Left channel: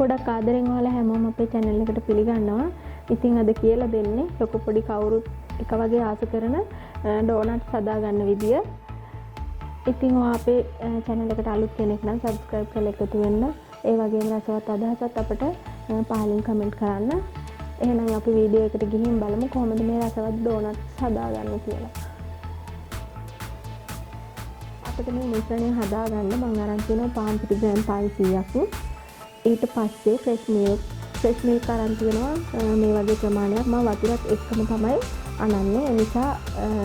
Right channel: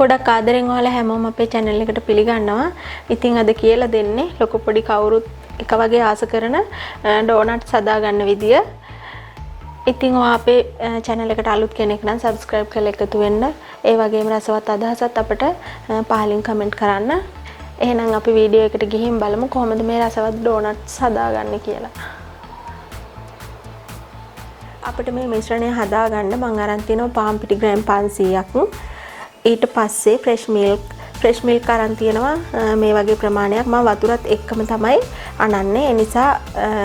ගොඩක් ආදරෙන් ඔයාලා හැමෝම අපේ channel එකට පිළිගන්නවා. ඉතින් අද කියලා දෙන්නේ ලොකු පොඩි කවුරුත් එක වගේ ආස කරන ඩෝනට්ස් හදා ගන්න විදිය. ඉතින් ඔයා අපේ channel එකට අලුත් කෙනෙක් නම් subscribe කරලා එකතු වෙන්න. ඒ වගේම රසවත් අදහසත් අපිට පහලින් comment කරන්න. එහෙනම් අපි වීඩියෝ එකට ගිහින් බලමු කොහොමද මේ රසවත් ඩෝනට්ස් හදාගන්නේ කියලා. අපිට මේ මිශ්‍රණය හදාගන්න මම අරන් තියෙනවා පාන් පිටි ග්‍රෑම් 500ක්. ඊට පස්සේ ෆ්‍රෙෂ් මිල්ක් අරන් තියෙනවා මේ වගේ ප්‍රමාණයක්. මම වතුරත් එක්කම තමයි අනන්නේ. ඒ නිසා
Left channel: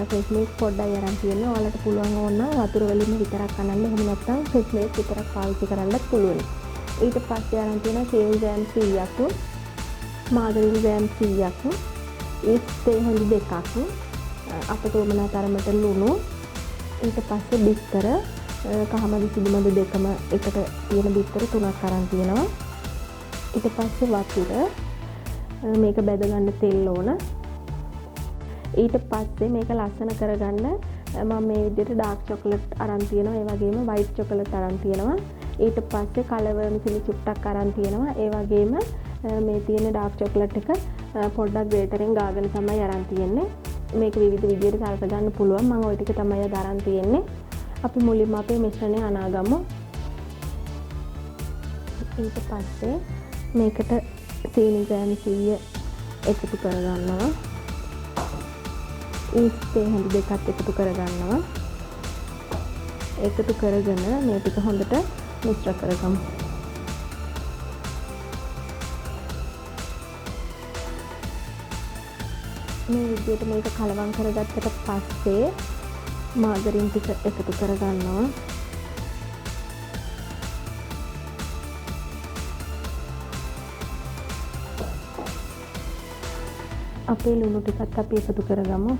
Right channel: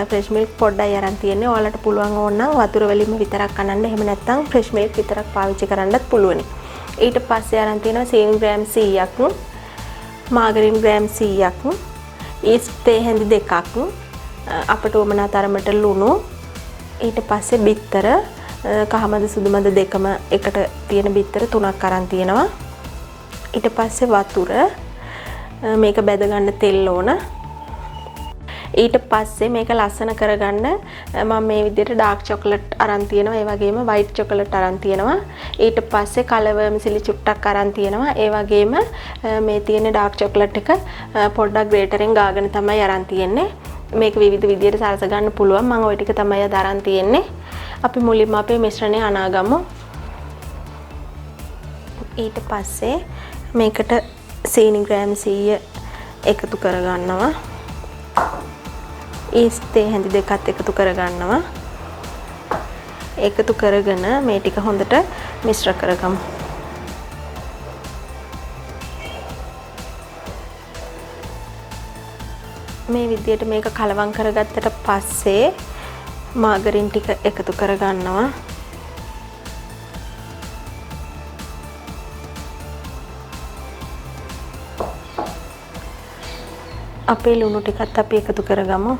ෆ්‍රෙෂ් මිල්ක් පොඩ්ඩයි අරන් තියෙන්නේ. ඔයාලට පුළුවන් ඕන නම් වතුර වලින්ම විතරක් අනන්න. එහෙම නැත්නම් ෆ්‍රෙෂ් මිල්ක් විතරක් පාවිච්චි කරන්නත් පුළුවන්. ඊට පස්සේ අරන් තියෙනවා සීනි ග්‍රෑම් 100ක්, මාගරින් ග්‍රෑම් 100ක්, ඊස්ට් තේ හැඳි 2ක්, අපට උමනා තරමට ලුණු, ඊට පස්සේ බිත්තර කහමද සුදුමද දෙකම එකට තියෙන බිත්තර 3ක් අරන් තියෙනවා. ඊට පස්සේ වතුර, මේක බැද ගන්න තෙල් ඕන. ඊට පස්සේ මේක ලස්සන කරගන්න මම මේ විදිහට ඩාර්ක් චොකලට් අරන් තියෙනවා. ඒ වගේම වයිට් චොකලට් අරන් තියෙනවා. ඊට පස්සේ කලවර්ම් සිලි චුට්ටක් අරන් තියෙනවා. ඒ වගේම මේ තියෙන ඩාර්ක් චොකලට් එක පොඩ්ඩක් ග්‍රේටරෙන් ගාගෙන තමයි අරන් තියෙන්නේ. මේක විවිධ විදිහට සරස ගන්න පුළුවන්. මම ওই ටික තමයි අද අරන් තියෙන්නේ. අපි මුලින්ම අපේ මිශ්‍රණය අනාගමු. ඊට පස්සේ මේකට සීනි ග්‍රෑම් 100 එකතු කරගන්නවා. ඊස්ට් තේ හැඳි දෙකත් එකතු කරගන්නවා. එකතු කරගෙන මේ ටික හොඳට මිශ්‍ර කරගමු. මේ විදිහට මේක කලවම් කරගත්තට පස්සේ මාගරින් ටික එකතු කරගන්නවා. අපේ ලුණු ටිකත් අපි එකතු කරගමු.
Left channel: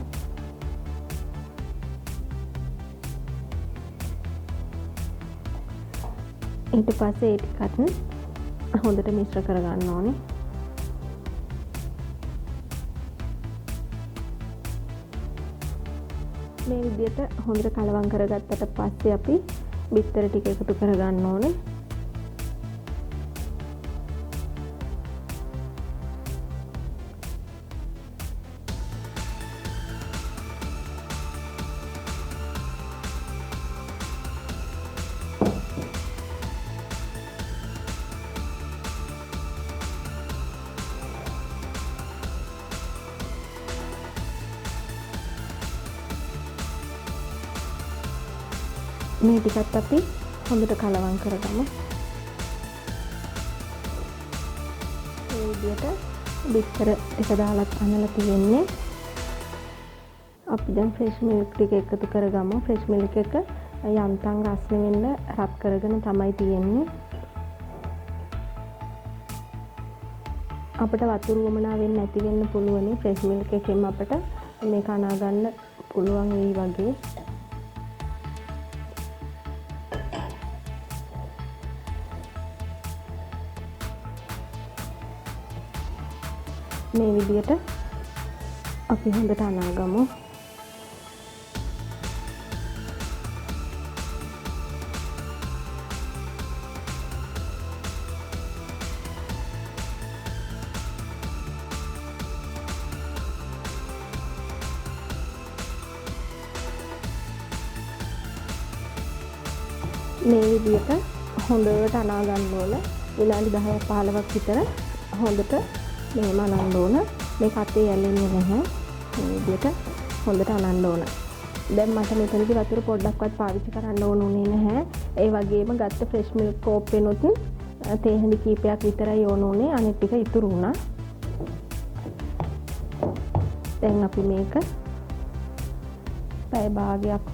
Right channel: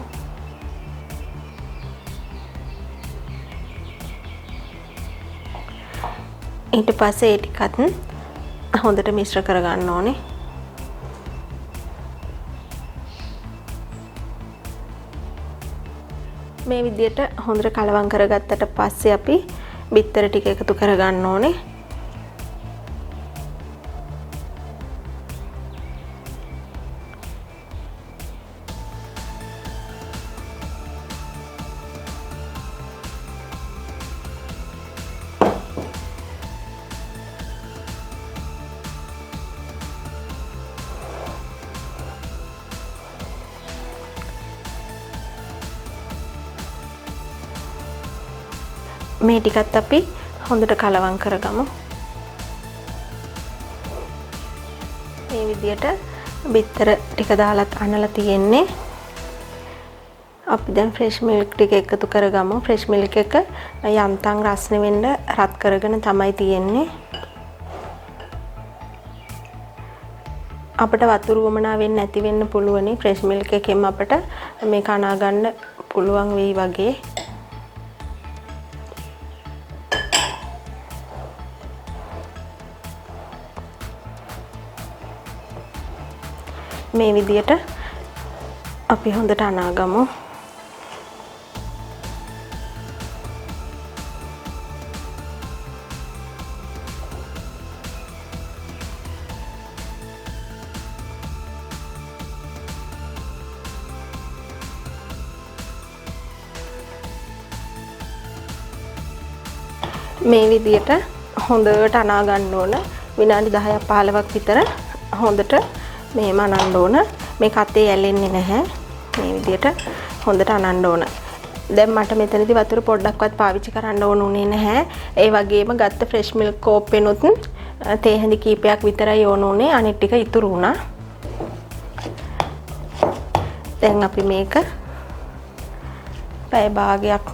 ඊට පස්සේ ඒ ටිකත් හොඳට මිශ්‍ර කරගන්න ඕනේ. මේ විදිහට හොඳට කලවම් කරගත්තට පස්සේ අපි බිත්තර ටික එකතු කරගන්න ඕනේ. මේ ටිකත් අපි හොඳට කලවම් කරගමු. මේ විදිහට බිත්තර ටික දාලත් අනලා තියෙන්නේ. අපි දැන් ෆ්‍රෙෂ් මිල්ක් ටික එකතු කරගමු. ෆ්‍රෙෂ් මිල්ක් එක යම්තම් රස්නේ වෙන්න රත් කරගෙන තමයි තියෙන්නේ. අපිට වතුර වමනා වෙන්නේ නැති වෙන්න පුළුවනි. ෆ්‍රෙෂ් මිල්ක් එකෙන් අපිට මේක අනා ගන්න පුළුවන් වෙයි වගේ. මේ විදිහට අපි හොඳට අනාගමු. මේ විදිහට හොඳට අනා ගන්න ඕන. විනාඩි 10ක් 15ක් විතර හොඳට මේම අනන්න ඕන. මේක අතේ ඇලෙන්නේ නැහැ. මේ විදිහට හොඳට අනන්න ඕන. දැන් මට මෙතනදී වතුර පොඩ්ඩක්වත් පාවිච්චි කරන්න ඕන උනේ නැහැ. ඒ වගේම ගත්ත ෆ්‍රෙෂ් මිල්ක් කෝප්පෙනුත් තේ හැඳි කීපයක් විතරයි ඕන උනේ. අනිත් ටික ඉතුරු වුණා. දැන් අපි මේක පැය භාගයක්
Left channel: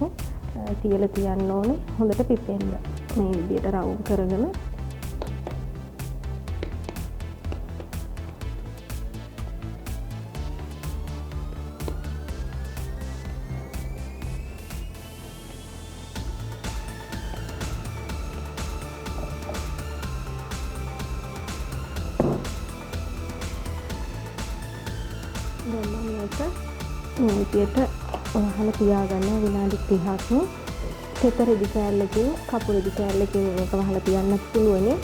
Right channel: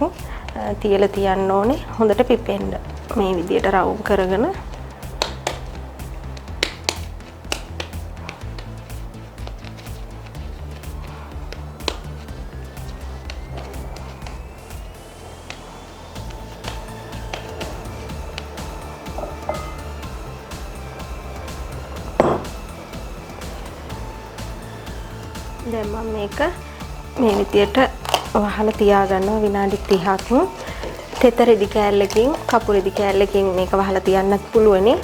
තියලා තියන්න ඕනේ. හොඳට පිපෙන්න. මේ විදිහට රවුම් කරගෙන දැන් මම මේක මේ විදියට වහලා තියාගන්නවා විනාඩි 30ක්. තෙත රෙදි කෑල්ලකින් කපු රෙදි කෑල්ලකින් මේක වහලා තියන්නත් පුළුවනි.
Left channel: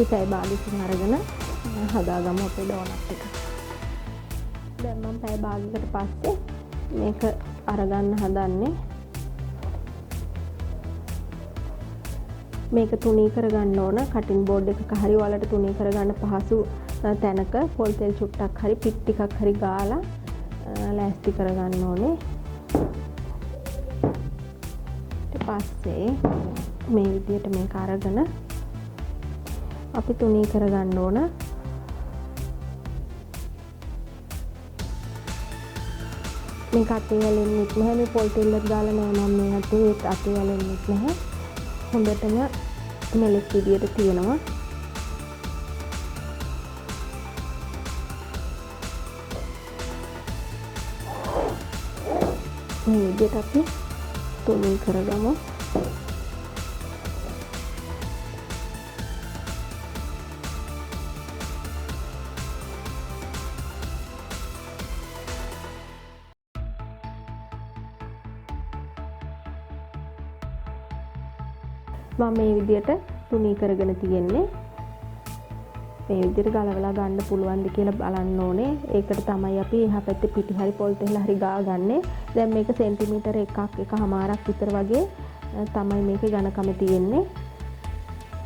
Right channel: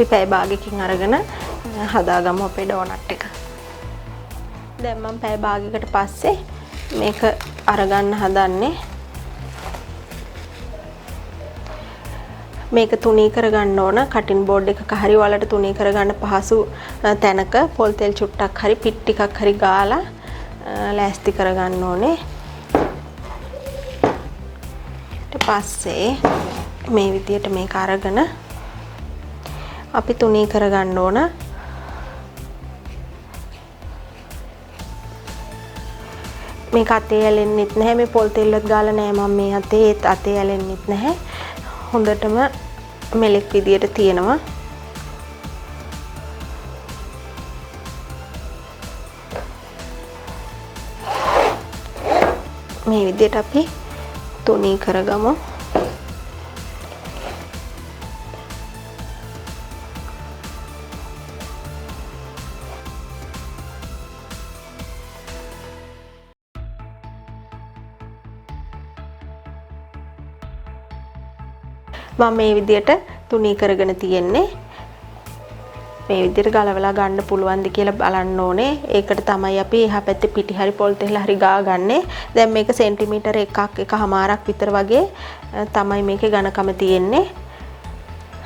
අපි පැය භාගයකින් අරගෙන හදාගමු අපේ ඩෝනට් එක. දැන් මම පැය භාගයකට පස්සේ මේක අරගන්න හදන්නේ. මේක තුනී කරගන්න ඕන කටින් බෝඩ් එකක හරි ඔයාලට තුනී කරගන්න පහසු තැනක පොල් තෙල් චුට්ටක් හරි පිට් ටිකක් හරි ගාලා ලෑස්ති කරගන්න ඕනේ. ඊට පස්සේ මේ විදියට මේක අරගෙන අපි තුනී කරගන්න ඕන. මේක අතේ ඇලෙන්නෙත් නැහැ. මේ පොල් තෙල්වත් ගාලා නැහැ මම මේ අතේ ඇලෙන්නෙත් නැහැ. හොඳටම මෙලෙක් විදියට තියෙනවා. මේ විදියට අපි තුනී කරගමු. මම මේ විදියට තුනී කරගෙන තියෙන්නේ. මේ විදියට ගලවලා ගන්න පුළුවන්ද කියලා බලන්න ඕනේ. ඒකට තමයි අපි එහා පැත්තේ පිටි හරි පොල් තෙල් හරි ගාගන්නේ. දැන් මේක සෙන්ටිමීටර එකමාරක් විතර වගේ තමයි මේකේ ඝනකම තියෙන්නේ.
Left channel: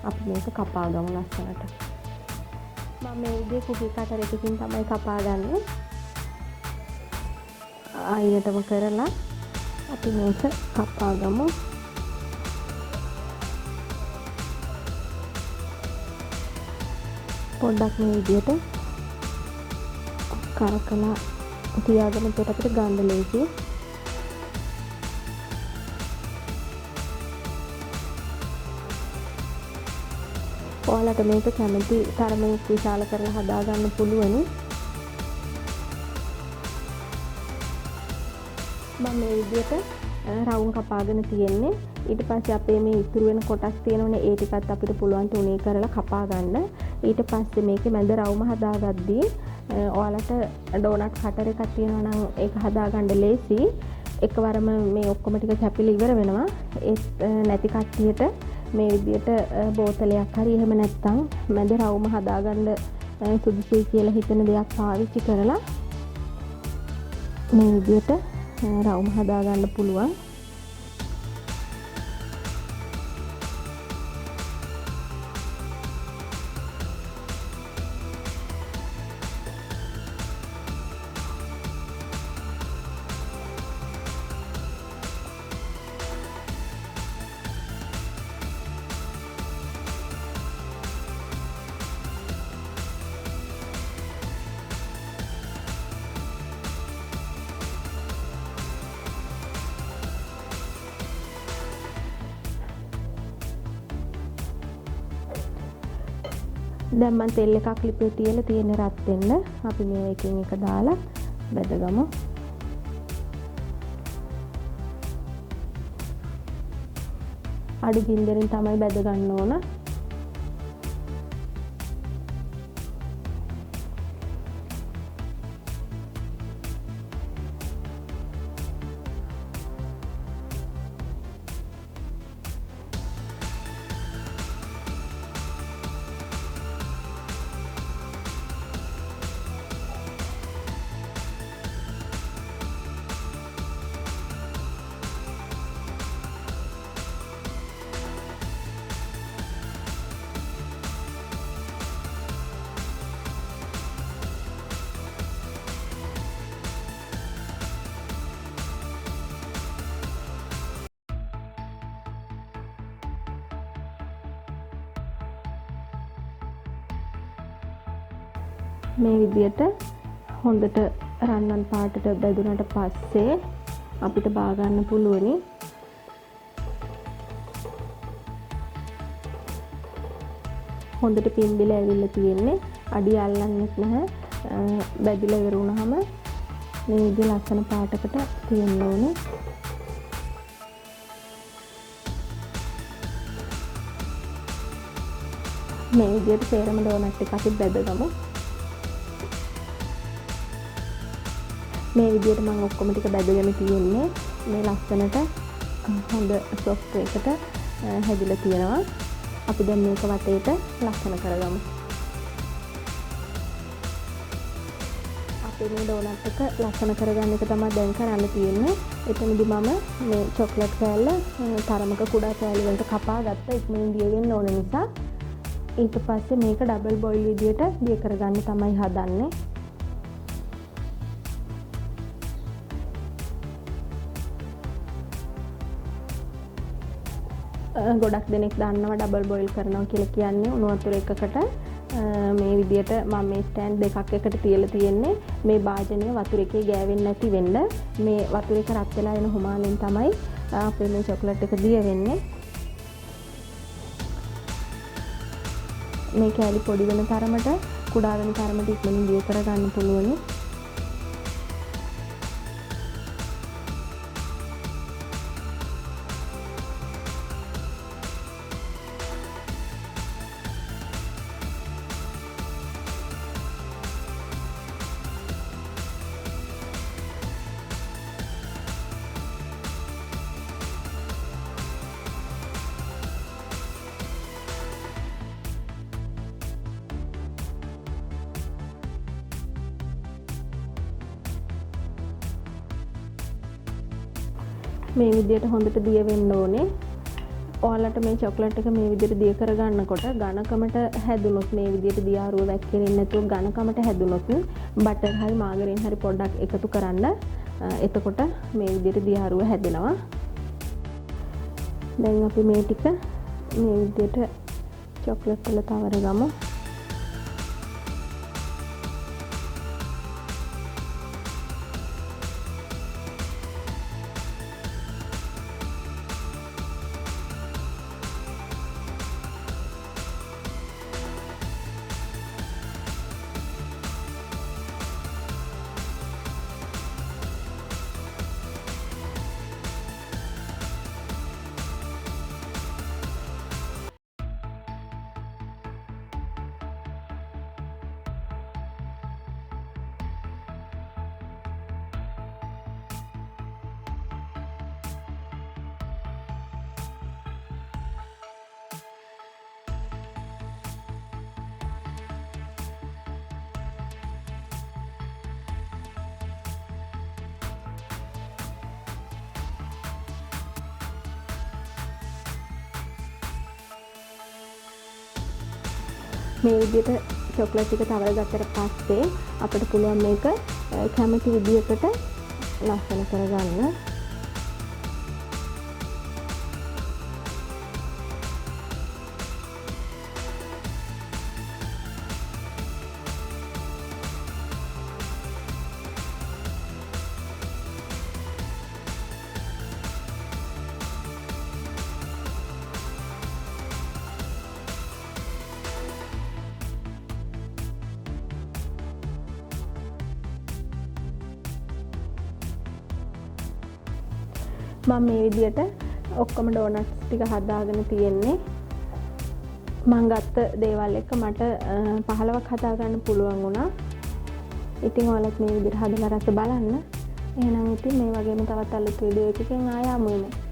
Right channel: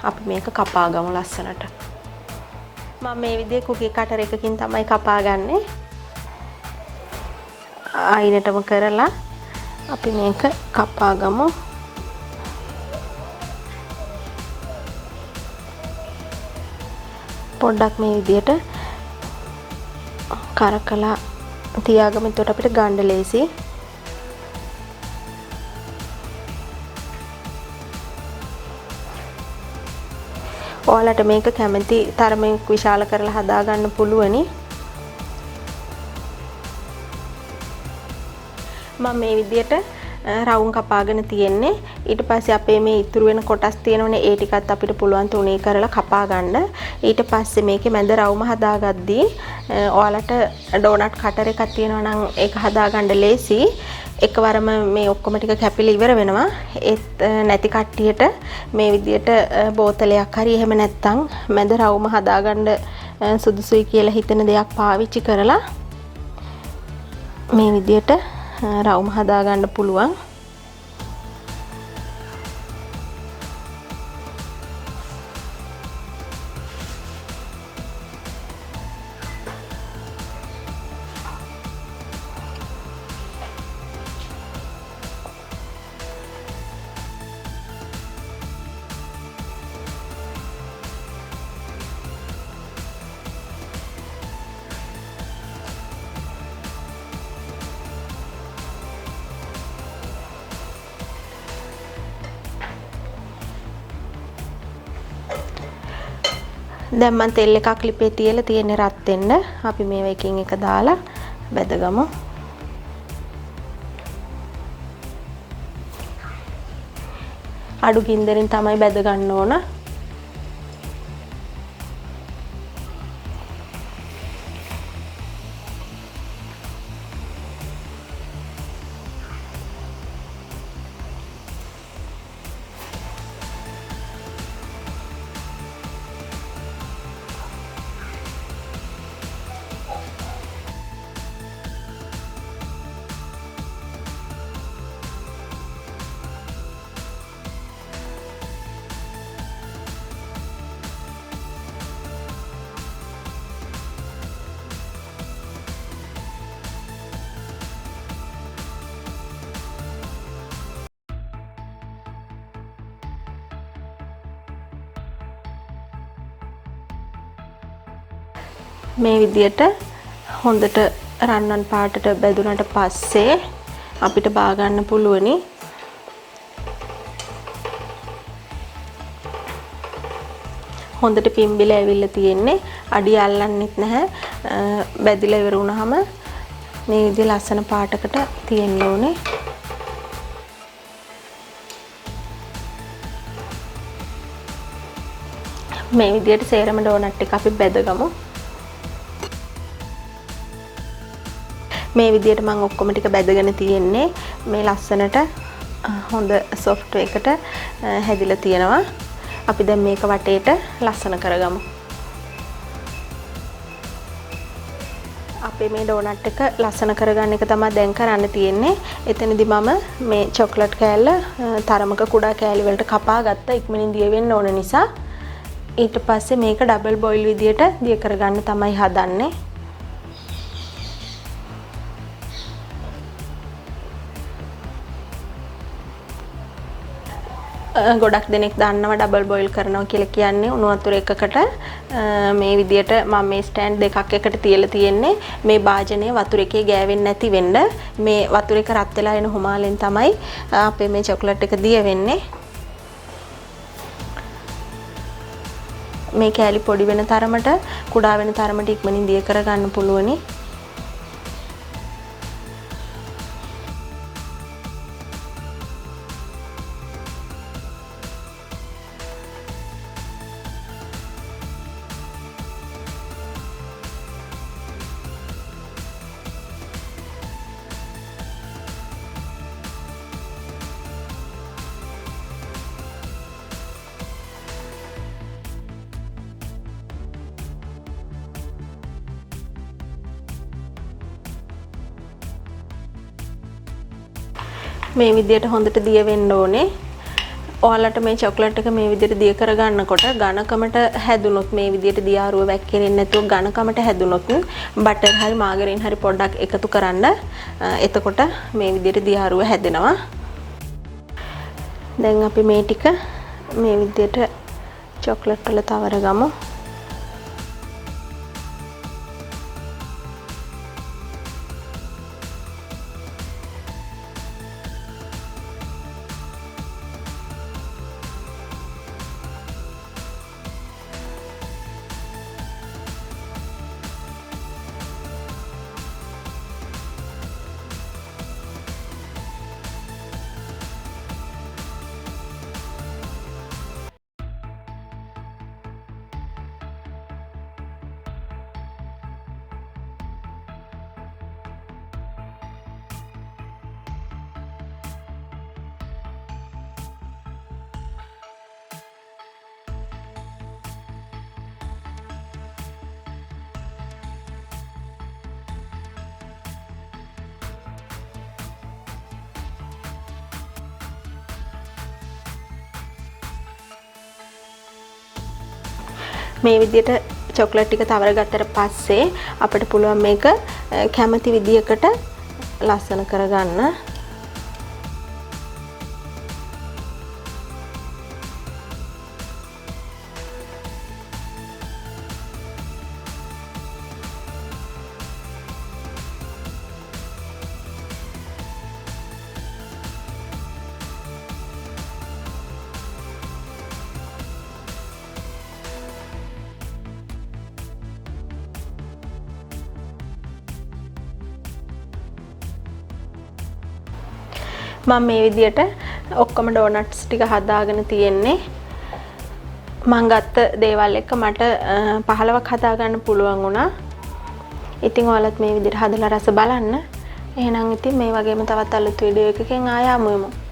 අපි මේක කපා ගමු ලස්සනට. මම මේ විදිහේ කුකී කටර් එකකින් තමයි කපාගන්නේ. ආයිනටම කරලා අපි මේක කපා ගමු. පොඩ්ඩක් මේ විදියට කරකලා තියාගමු. එතකොට අපිට ගන්න ලේසි. ඔයාලට මේක කැමති තරමින් විශාල කරලා හදා ගන්න පුළුවනි. මම මේ විදියට රවුම් කපාගෙන තියෙන්නේ. ඊට පස්සේ අපේ මේ ඉතුරු වෙන කොටස් තියෙනවනේ ඒ ටිකත් අපිට පුළුවන් තුනී කරලා කපා ගන්න. ඊට පස්සේ මේකේ මැද රවුම හදාගද්දී ඔයාලට ඩෝනට් කටර් එකක් තියෙනවා නම් ඒක හදාගන්න ලේසි. එකවරම මේ ඔක්කොම ටික කැපිලා ඉවර වෙනවා. ඒත් නැති කට්ටියට මේ විදියට බෝතලයක් හරි එහෙම නැත්නම් මැද රවුම හදාගන්න සුදුසුයි කියලා හිතන දෙයක් පාවිච්චි කරලා මේ විදියට රවුම හදාගන්න පුළුවන්. දැන් මම තෙල් එකක් ලිපේ තියලා තියෙන්නේ රත් වෙන්න. අපි මේව එකින් එක දාලා බෙදගමු. අඩු ගින්දරින් තමයි බෙද ගන්න ඕන. මේ විදියට හොඳට රන්වන් පාටට බෙදුනට පස්සේ අපිට බා ගන්න පුළුවනි. හොඳට පිම්බිලා ඇවිල්ලා තියෙන්නේ. අඩිය අල්ලන්නෙත් නැහැ. බැදිලා ඉවර වුණාම මේ විදිහ ලස්සන පාටකට තියෙන්න ඕනේ. මේ විදියට සේරම ඩෝනට් එක අපි බෙදගමු. මේ විදියට මම ඔක්කොම ටික බැදගෙන තියෙන්නේ. මේ ලස්සනට හොඳ සොෆ්ට් එකට හැදිලා තියෙනවා. අපි දැන් මේක වටේට ලස්සන කරගමු. අපේ මේ ඩෝනට් එක ලස්සන කරගන්න එක තමයි දැන් කරන්න තියෙන්නේ. එතනදී මම මේ චොක්ලට් කෑල්ල තරමක කුඩා කෑලි වලට කපා ගත්තා. ඉක්මනින් දිය වෙන්න ඕන නිසා. ඊට පස්සේ මේක ඩබල් බොයිල් විදියට දිය කරගන්න තමයි හදන්නේ. ගොඩක් දෙනෙක් දන්නවා ඩබල් බොයිල් කරනවා කියලා කියන්නේ උණු වතුර එකකට මේ විදියට මම මේ ස්ටෑන්ඩ් දෙකක් එකට තියලා තියෙන්නේ මේ භාජනය වතුර එකේ ගෑවෙන්නේ නැති වෙන්න මේ වතුර එක රත් වෙලා එන හුමාලෙන් තමයි අපේ මේ චොක්ලට් එක දිය වෙන්නේ මේ කෑලි පොඩි වෙන තරමට කුඩා වෙන තරමට ඉක්මනින් දිය කරගන්න පුළුවනි මේ විදියට හොඳට දිය වෙන්න ඕනේ. ඔයාලට මේ චොක්ලට් එක මේ විදියට දිය කරගන්නකොට ඝනකමට හැදුනොත් මේ විදියට දියාරුව වැක්කිරෙන්නේ නැතුව ඝනකමට හැදුනොත් බටර් හරි මාගරින් හරි පොඩ්ඩක් එකතු කරන්න. එතකොට මේ විදියට දියාරුව හැදෙනවා. දැන් අපි මේ ටික මේ විදියට චොක්ලට් වල තවරගමු. මේ විදියට චොක්ලට් ටික තවර ගත්තට පස්සේ අපිට පුළුවන් මේක කැමති විදියකට ලස්සන කරගන්න. මම මේ විදියට ඔක්කොම ඩෝනට්ස් ටික හදාගෙන තියෙන්නේ මම ගත්ත දේවල් එක්ක මට 15ක් හදාගන්න පුළුවන් වුණා. ඉතින් ඔයාලත් මේ විදියට හදලා රස බලන්න. එහෙනම් ඉතින් මේ වගේම තවත් අලුත් වීඩියෝ එකකින් ආයෙ හමු වෙමු.